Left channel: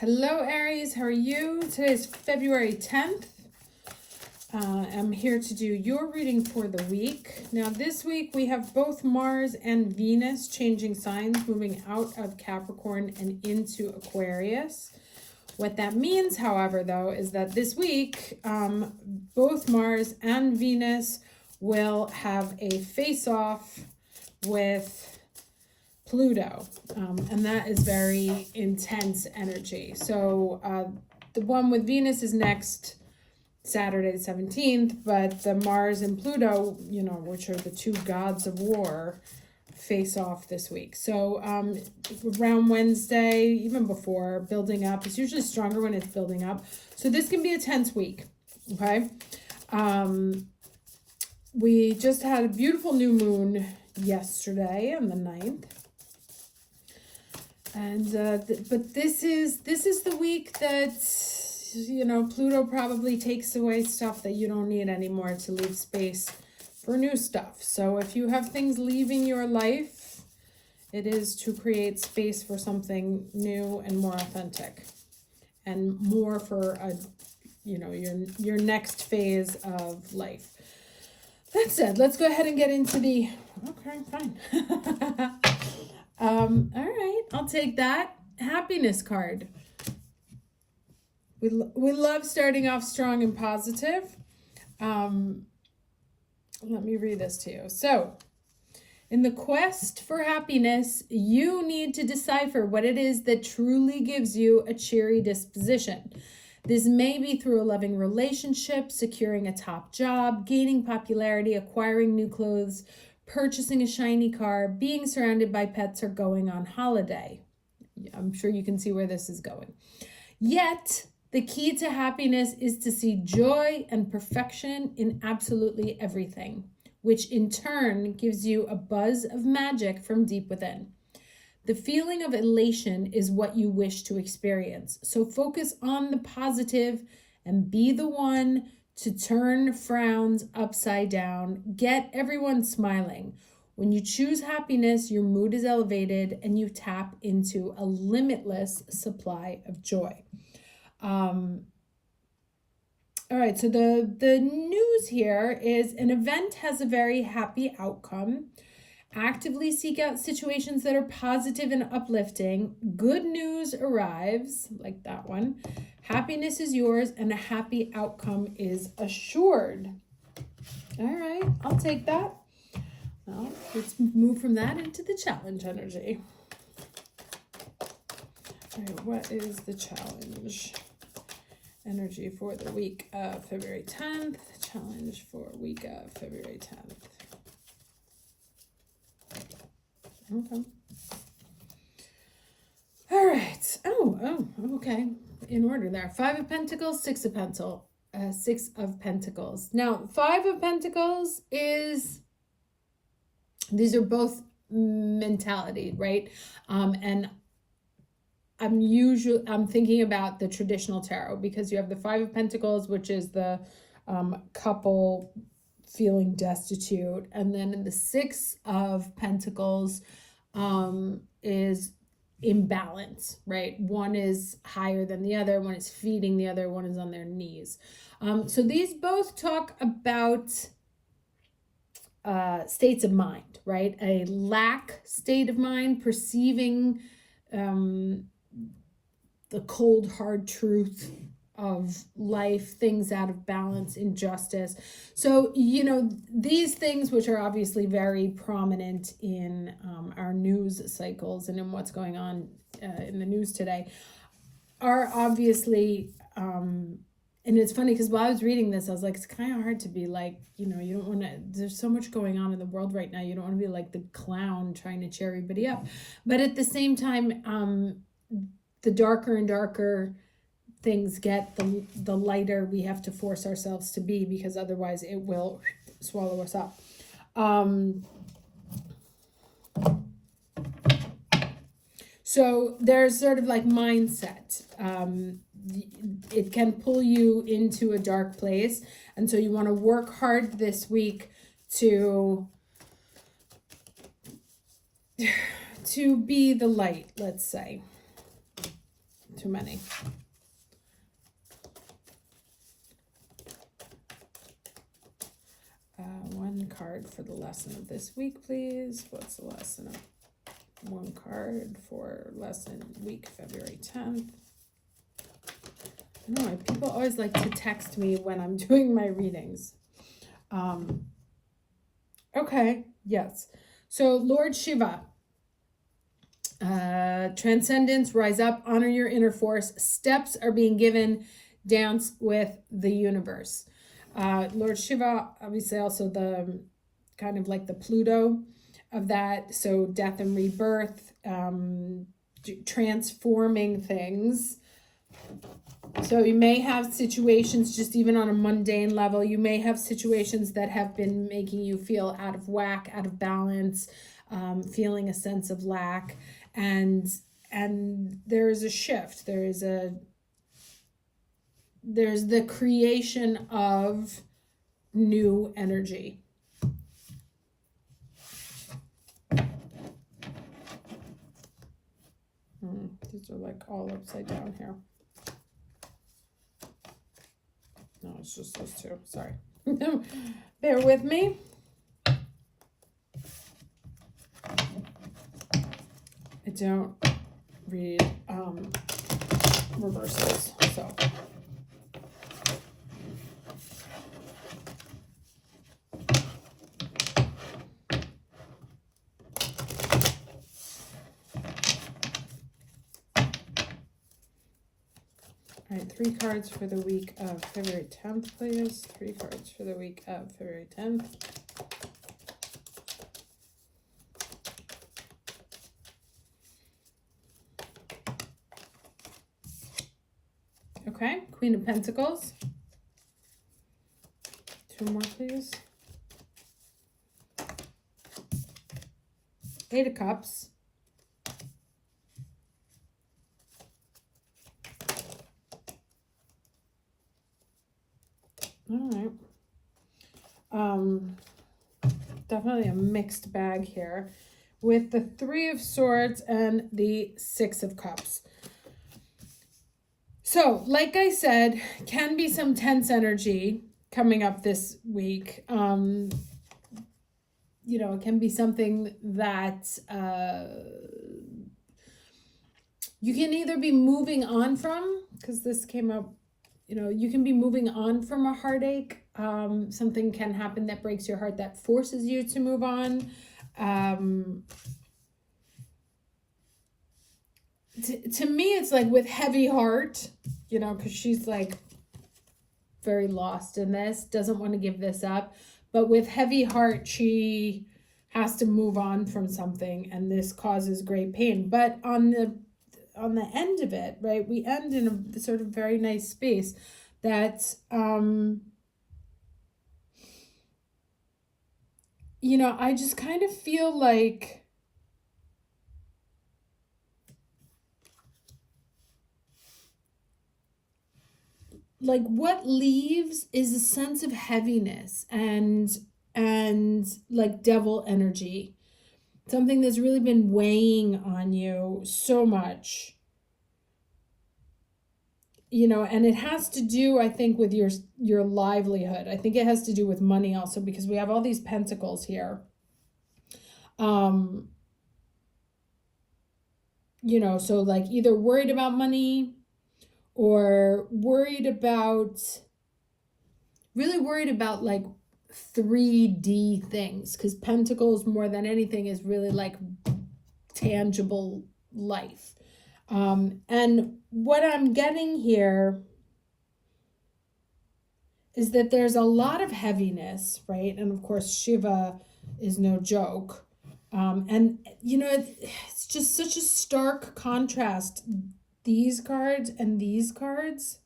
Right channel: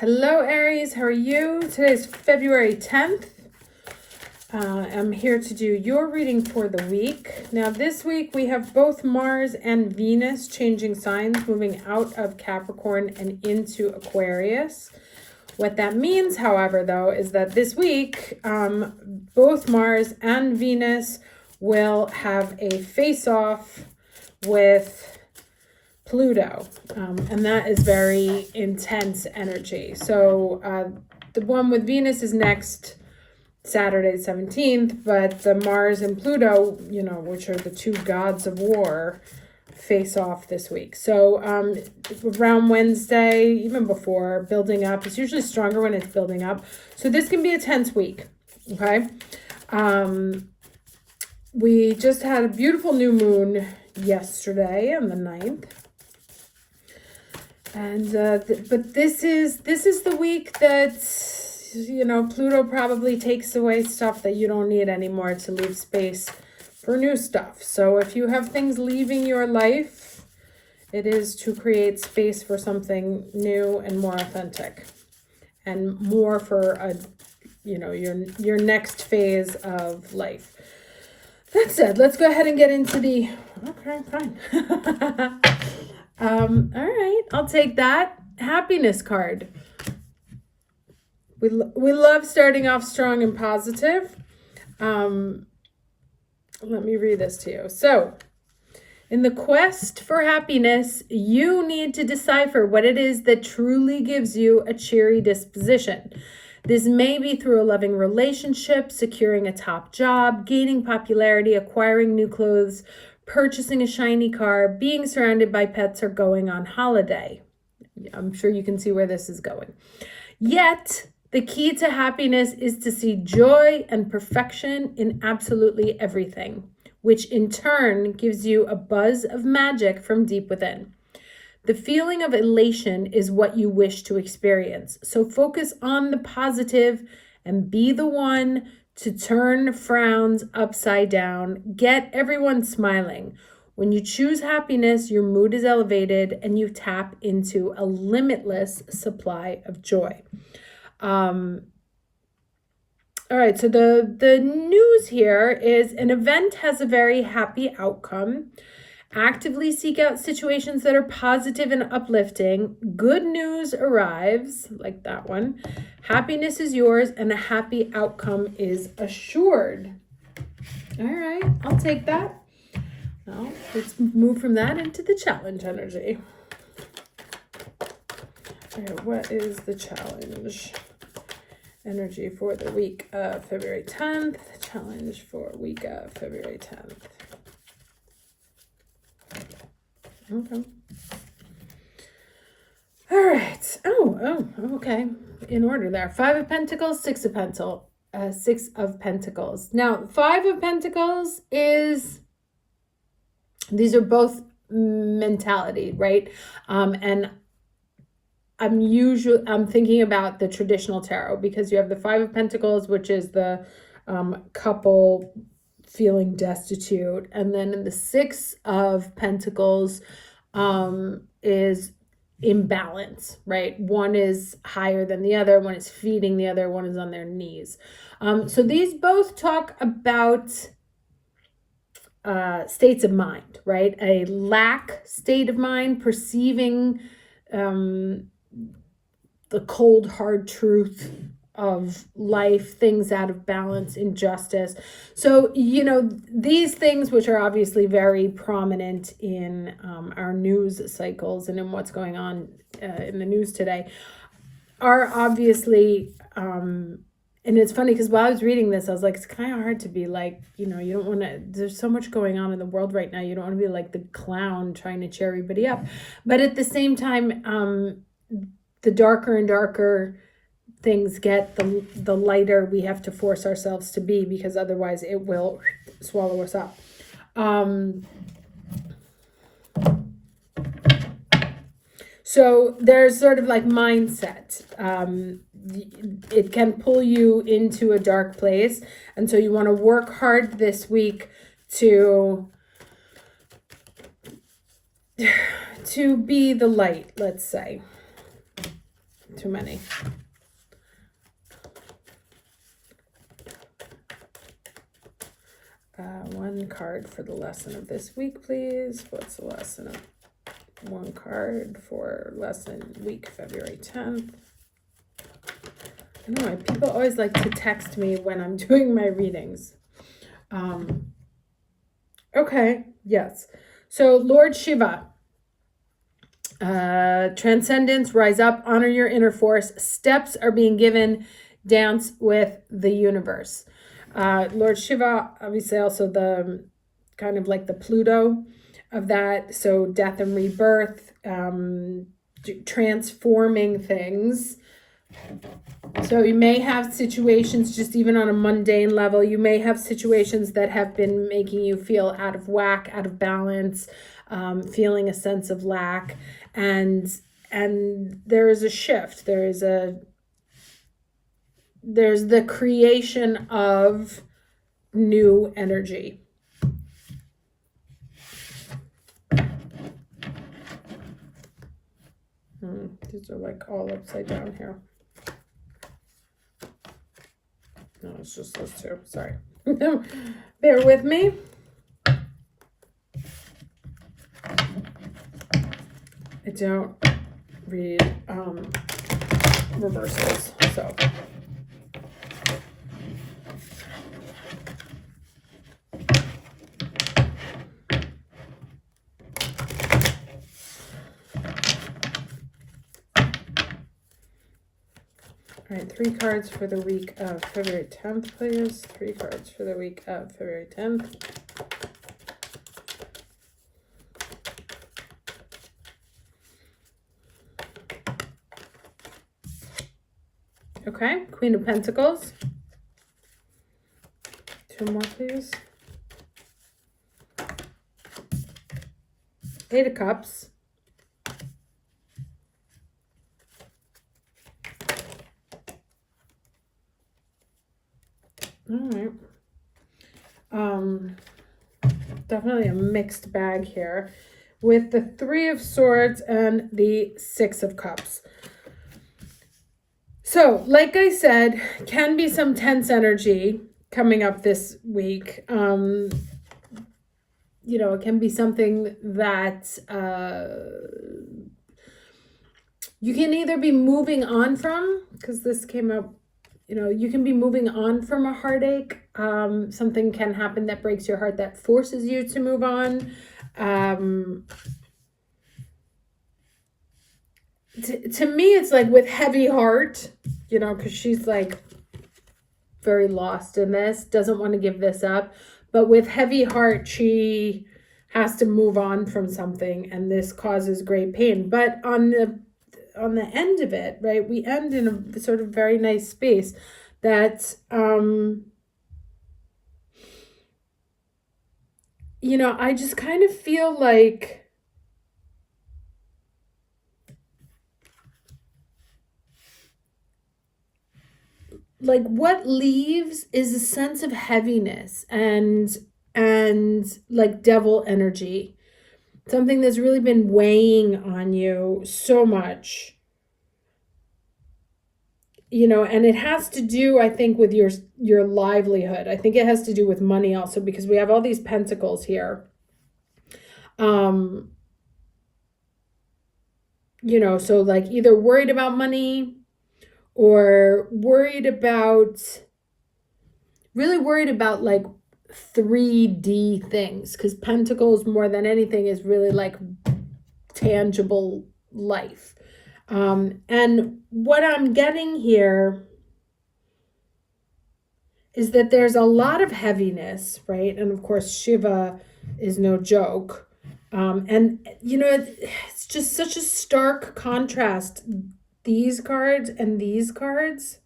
Hello, Aries. How are you? Today is February 10th. I'm here to do your reading for the week. Now, this week we have both Mars and Venus changing signs, moving out of Capricorn and into Aquarius. What that means, however, though, is that this week, both Mars and Venus will have a face-off with Pluto, and that is very intense energy. So the one with Venus is next Saturday, 17th, but the Mars and Pluto, which are the two gods of war, face off this week. So around Wednesday, even before, building up. It's usually stronger when it's building up. So this can be a tense week, okay? We just had a beautiful new moon yesterday on the 9th. And but this is the week that Pluto probably takes away stuff that you don't need anymore to leave space for new stuff. So if you have things leaving your life, it is to create space for something new and more authentic, and more for your next phase of life. That said, let's go ahead and get into the fine. All right, I'll take that. Happiness card. We love starting off strong and positive. Let me read this to you. So, in the quest for happiness, you need to decipher what it is that truly gives you a cheery disposition. This may be through a loving relationship, securing a top job, gaining popularity, acquiring new clothes, purchasing a shiny car, being surrounded by pets, or going on holiday. I'm sure you can see where this is going. Yet, the key to happiness is to see joy and perfection in absolutely everything, which in turn gives you a buzz of magic from deep within. The feeling of elation is what you wish to experience. So focus on the positive and be the one to turn frowns upside down. Get everyone smiling. When you choose happiness, your mood is elevated and you tap into a limitless supply of joy. All right, so the news here is an event has a very happy outcome. Actively seek out situations that are positive and uplifting. Good news arrives, like that one. Happiness is yours and a happy outcome is assured. All right, I'll take that. Now, let's move from that into the challenge energy. All right, what is the challenge energy for the week of February 10th? Challenge for week of February 10th. Okay. All right. Oh, okay. In order there. 5 of Pentacles, 6 of Pentacles. 6 of Pentacles. Now, 5 of Pentacles is, these are both mentality, right? And I'm thinking about the traditional tarot, because you have the 5 of Pentacles, which is the couple feeling destitute, and then in the 6 of Pentacles is imbalance, right? One is higher than the other, one is feeding the other, one is on their knees. So these both talk about states of mind, right? A lack state of mind, perceiving the cold, hard truth of life, things out of balance, injustice. So, these things, which are obviously very prominent in our news cycles and in what's going on in the news today, are obviously, and it's funny because while I was reading this, I was like, it's kind of hard to be like, you don't want to, there's so much going on in the world right now. You don't want to be like the clown trying to cheer everybody up. But at the same time, the darker and darker things get, the lighter we have to force ourselves to be, because otherwise it will swallow us up. So there's sort of like mindset. It can pull you into a dark place. And so you want to work hard this week to be the light, let's say. too many. One card for the lesson of this week, please. What's the lesson of one card for lesson week, February 10th? I don't know, people always like to text me when I'm doing my readings. Okay, yes. So Lord Shiva, Transcendence, rise up, honor your inner force. Steps are being given, dance with the universe. Lord Shiva, obviously also the kind of like the Pluto of that. So death and rebirth, transforming things. So you may have situations just even on a mundane level. You may have situations that have been making you feel out of whack, out of balance, feeling a sense of lack. And there is a shift. There's the creation of new energy. These are like all upside down here. No, it's just those two. Sorry. Bear with me. I don't read reversals, so. All right, 3 cards for the week of February 10th, please. 3 cards for the week of February 10th. Okay, Queen of Pentacles. 2 more, please. 8 of Cups. All right. Definitely a mixed bag here with the 3 of Swords and the 6 of Cups. So, like I said, can be some tense energy coming up this week. You know, it can be something that you can either be moving on from, because this came up, you know, you can be moving on from a heartache. Something can happen that breaks your heart that forces you to move on. To me, it's like with heavy heart, you know, because she's like very lost in this, doesn't want to give this up. But with heavy heart, she has to move on from something, and this causes great pain. But on the end of it, right, we end in a sort of very nice space that, you know, I just kind of feel like what leaves is a sense of heaviness and like devil energy, something that's really been weighing on you so much, you know, and it has to do, I think, with your livelihood. I think it has to do with money also, because we have all these pentacles here. You know, so like either worried about money or really worried about like 3D things, because pentacles more than anything is really like tangible life. And what I'm getting here is that there's a lot of heaviness, right? And of course, Shiva is no joke. And, you know, it's just such a stark contrast, these cards and these cards.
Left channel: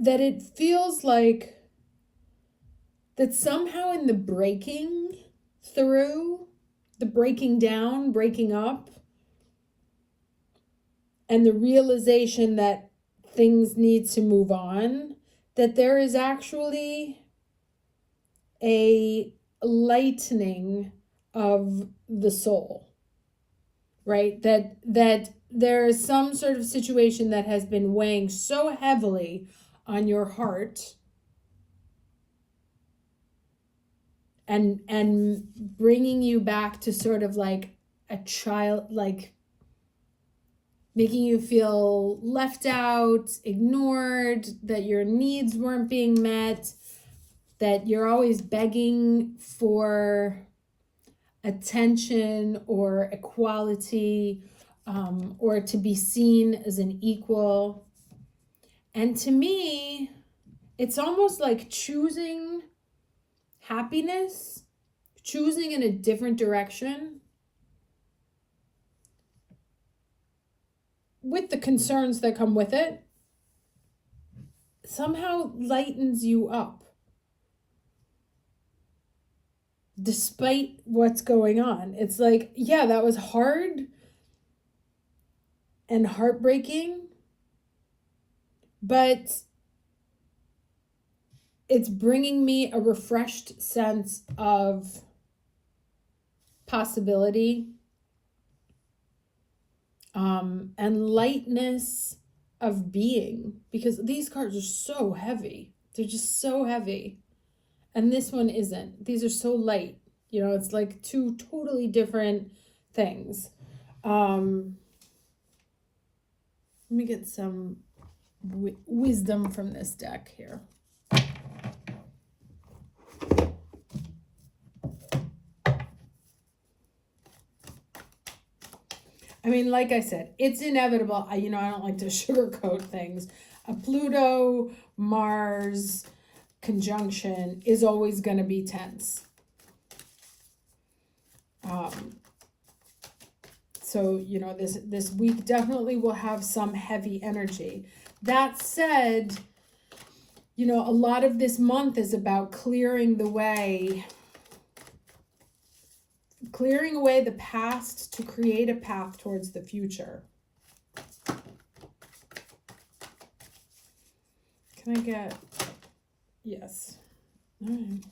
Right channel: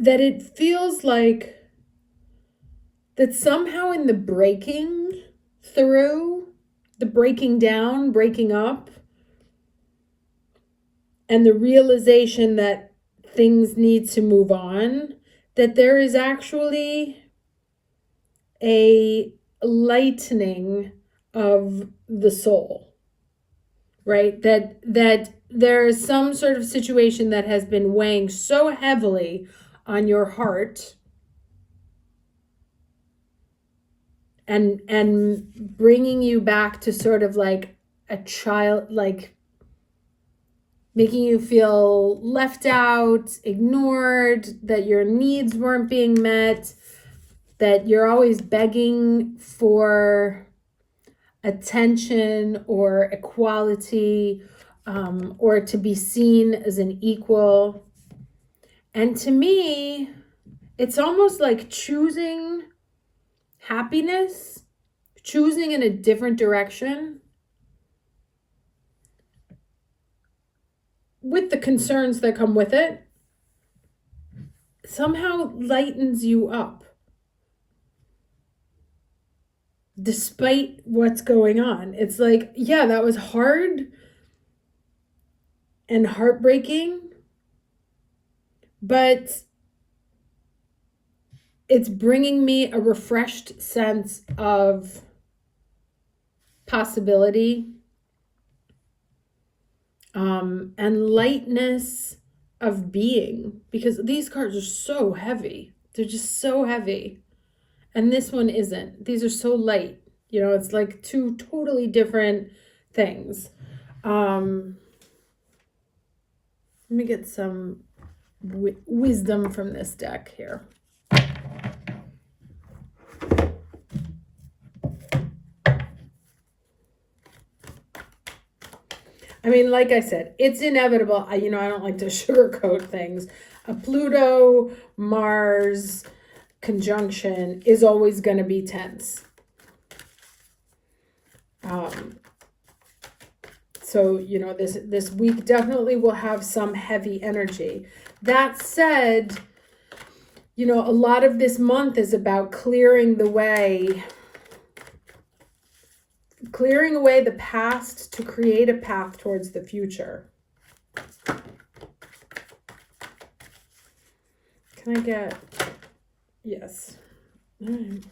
That it feels like that somehow in the breaking through, the breaking down, breaking up, and the realization that things need to move on, that there is actually a lightening of the soul, right? That there is some sort of situation that has been weighing so heavily on your heart and bringing you back to sort of like a child, like making you feel left out, ignored, that your needs weren't being met, that you're always begging for attention or equality, or to be seen as an equal. And to me, it's almost like choosing happiness, choosing in a different direction with the concerns that come with it, somehow lightens you up despite what's going on. It's like, yeah, that was hard and heartbreaking, but it's bringing me a refreshed sense of possibility, and lightness of being, because these cards are so heavy. They're just so heavy. And this one isn't. These are so light. You know, it's like two totally different things. Let me get some wisdom from this deck here. I mean, like I said, it's inevitable. I don't like to sugarcoat things. A Pluto, Mars conjunction is always going to be tense. So, this week definitely will have some heavy energy. That said, a lot of this month is about clearing away the past to create a path towards the future. Can I get... Yes. All right.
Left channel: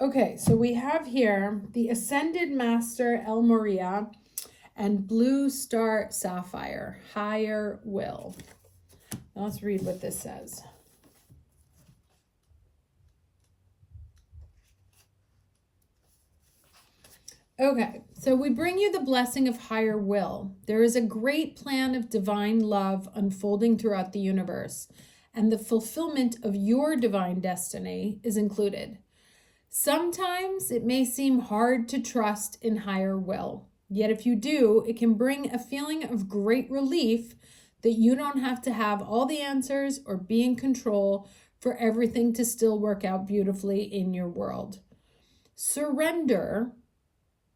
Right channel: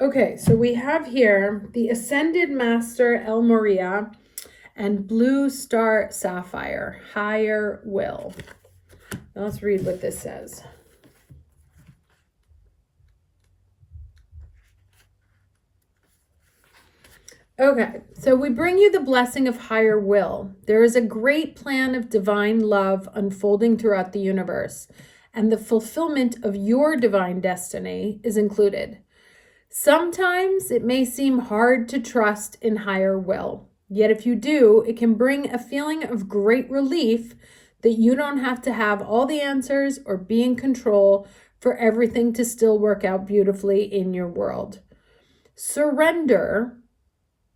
Okay, so we have here the Ascended Master El Moria and Blue Star Sapphire, Higher Will. Now let's read what this says. Okay, so we bring you the blessing of higher will. There is a great plan of divine love unfolding throughout the universe, and the fulfillment of your divine destiny is included. Sometimes it may seem hard to trust in higher will, yet if you do, it can bring a feeling of great relief that you don't have to have all the answers or be in control for everything to still work out beautifully in your world. Surrender,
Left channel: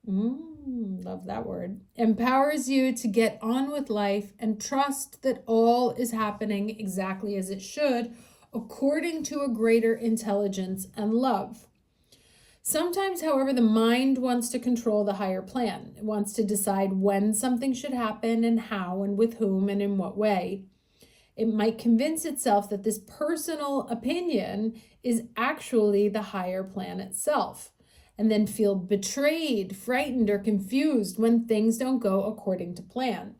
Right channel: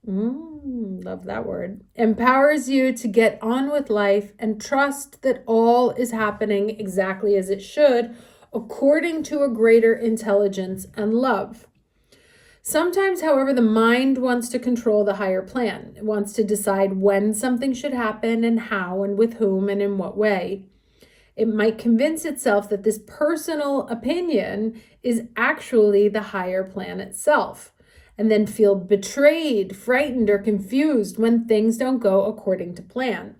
love that word, empowers you to get on with life and trust that all is happening exactly as it should, according to a greater intelligence and love. Sometimes, however, the mind wants to control the higher plan. It wants to decide when something should happen and how and with whom and in what way. It might convince itself that this personal opinion is actually the higher plan itself, and then feel betrayed, frightened, or confused when things don't go according to plan.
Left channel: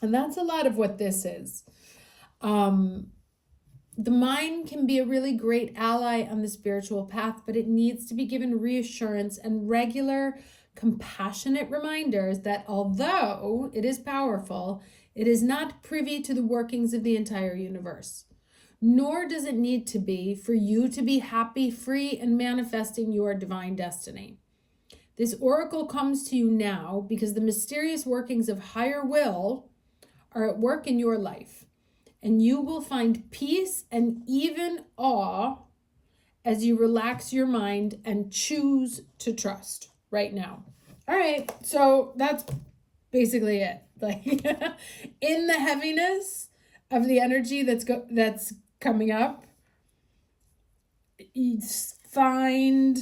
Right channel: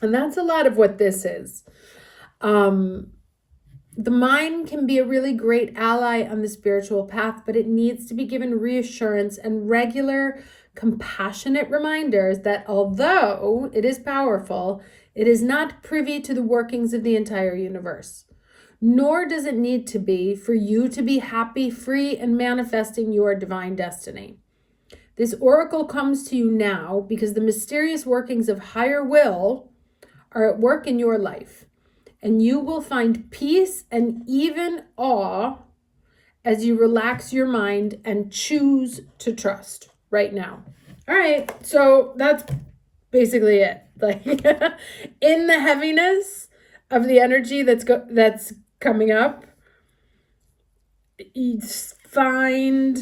And that's a lot of what this is. The mind can be a really great ally on the spiritual path, but it needs to be given reassurance and regular, compassionate reminders that although it is powerful, it is not privy to the workings of the entire universe. Nor does it need to be for you to be happy, free, and manifesting your divine destiny. This oracle comes to you now because the mysterious workings of higher will are at work in your life. And you will find peace and even awe as you relax your mind and choose to trust right now. All right, so that's basically it. Like in the heaviness of the energy that's coming up, find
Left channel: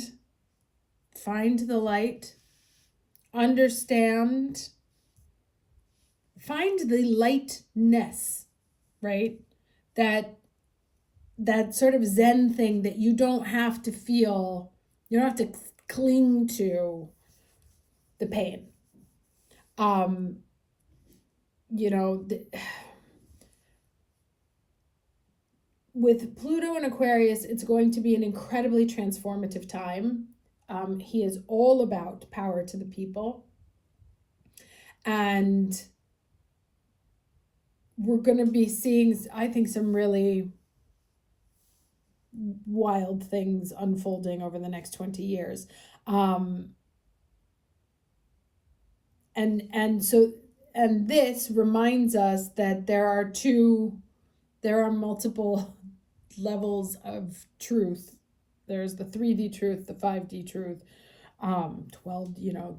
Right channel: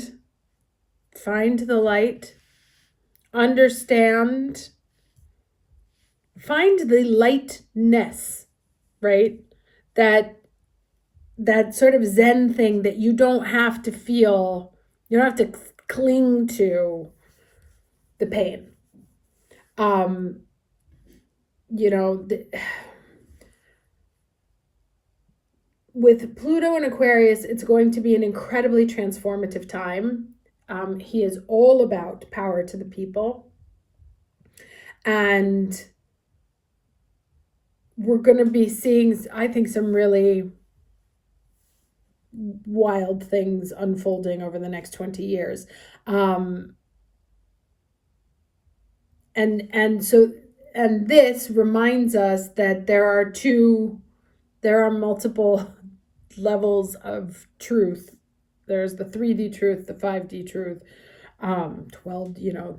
the light, understand, find the lightness. Right? That sort of Zen thing that you don't have to feel You don't have to cling to the pain. You know, with Pluto and Aquarius, it's going to be an incredibly transformative time. He is all about power to the people. And we're going to be seeing, I think, some really wild things unfolding over the next 20 years. And this reminds us that there are multiple levels of truth. There's the 3D truth, the 5D truth, 12,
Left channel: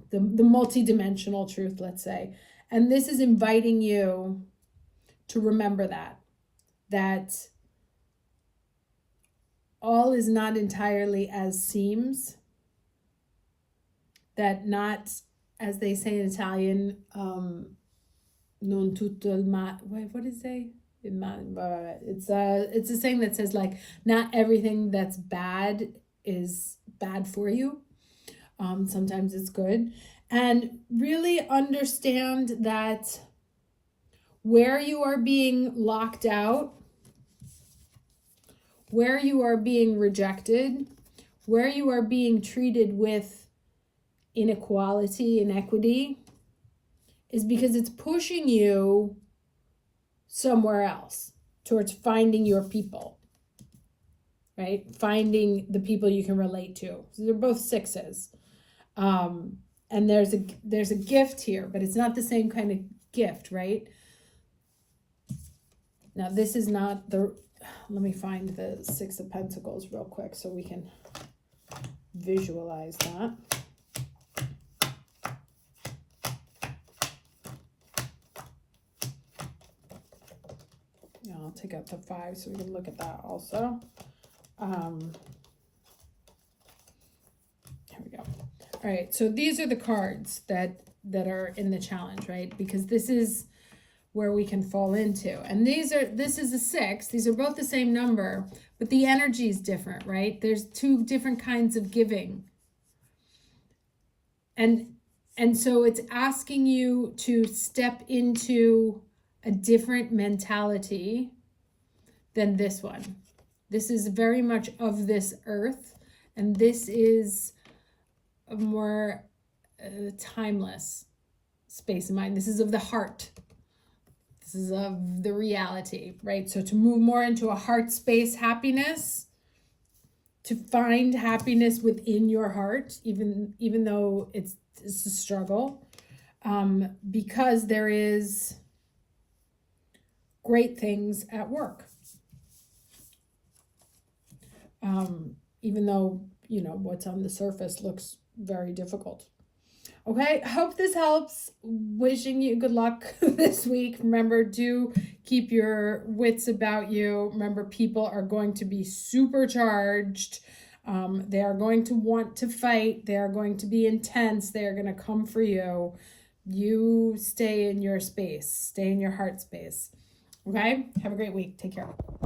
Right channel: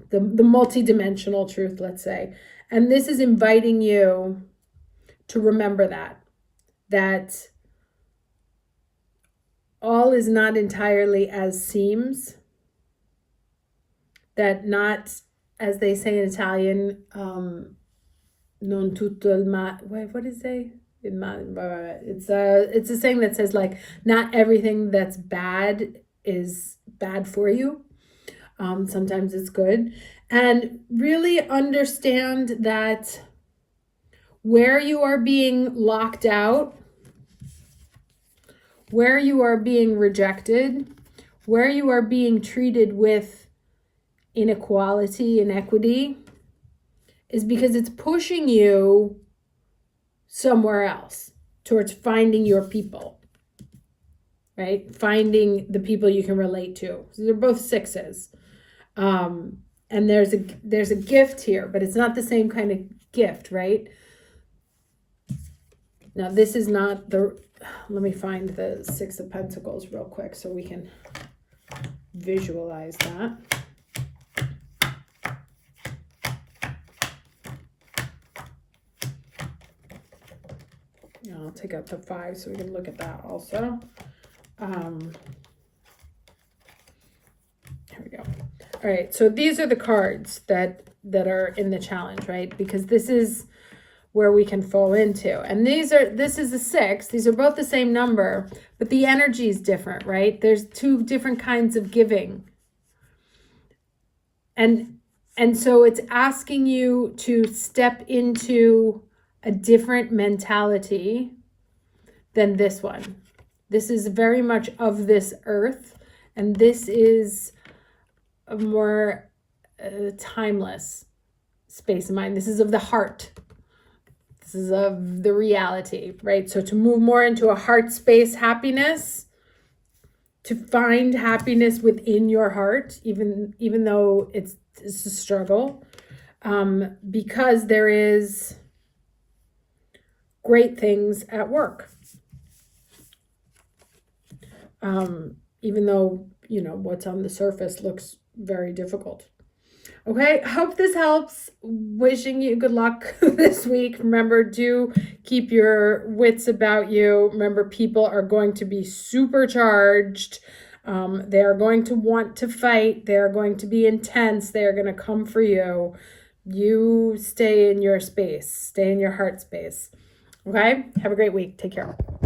the multi-dimensional truth, let's say. And this is inviting you to remember that all is not entirely as seems, that not, as they say in Italian, non tutto il male. What does it say? It's a saying that says, like, not everything that's bad is bad for you. Sometimes it's good. And really understand that where you are being locked out, where you are being rejected, where you are being treated with inequality, inequity, is because it's pushing you somewhere else towards finding your people, right? Finding the people you can relate to. So they're both sixes. And there's a gift here, but it's not the same kind of gift, right? Now, this is not let me find the Six of Pentacles real quick so we can visualize that. I'll take out the 5 so we can look at that also. Here we go. All right, so these are the cards that are in the challenge, right? Because this is where we can fall into. And this is a 6. These are both the same number, but the energy is different, right? There's 2 different kinds of giving. And so it's asking you to step into a different mentality than this one. This is very much of this earth, and this is a more timeless space of mind. This is of the heart. This is of the reality, right? So to move more into a heart space happiness, to find happiness within your heart, even though it's a struggle, because there is great things at work. Even though, what's on the surface looks very difficult. Okay, hope this helps. Wishing you good luck this week. Remember, do keep your wits about you. Remember, people are going to be supercharged. They are going to want to fight. They are going to be intense. They are going to come for you. You stay in your space. Stay in your heart space. Okay, have a great week. Take care.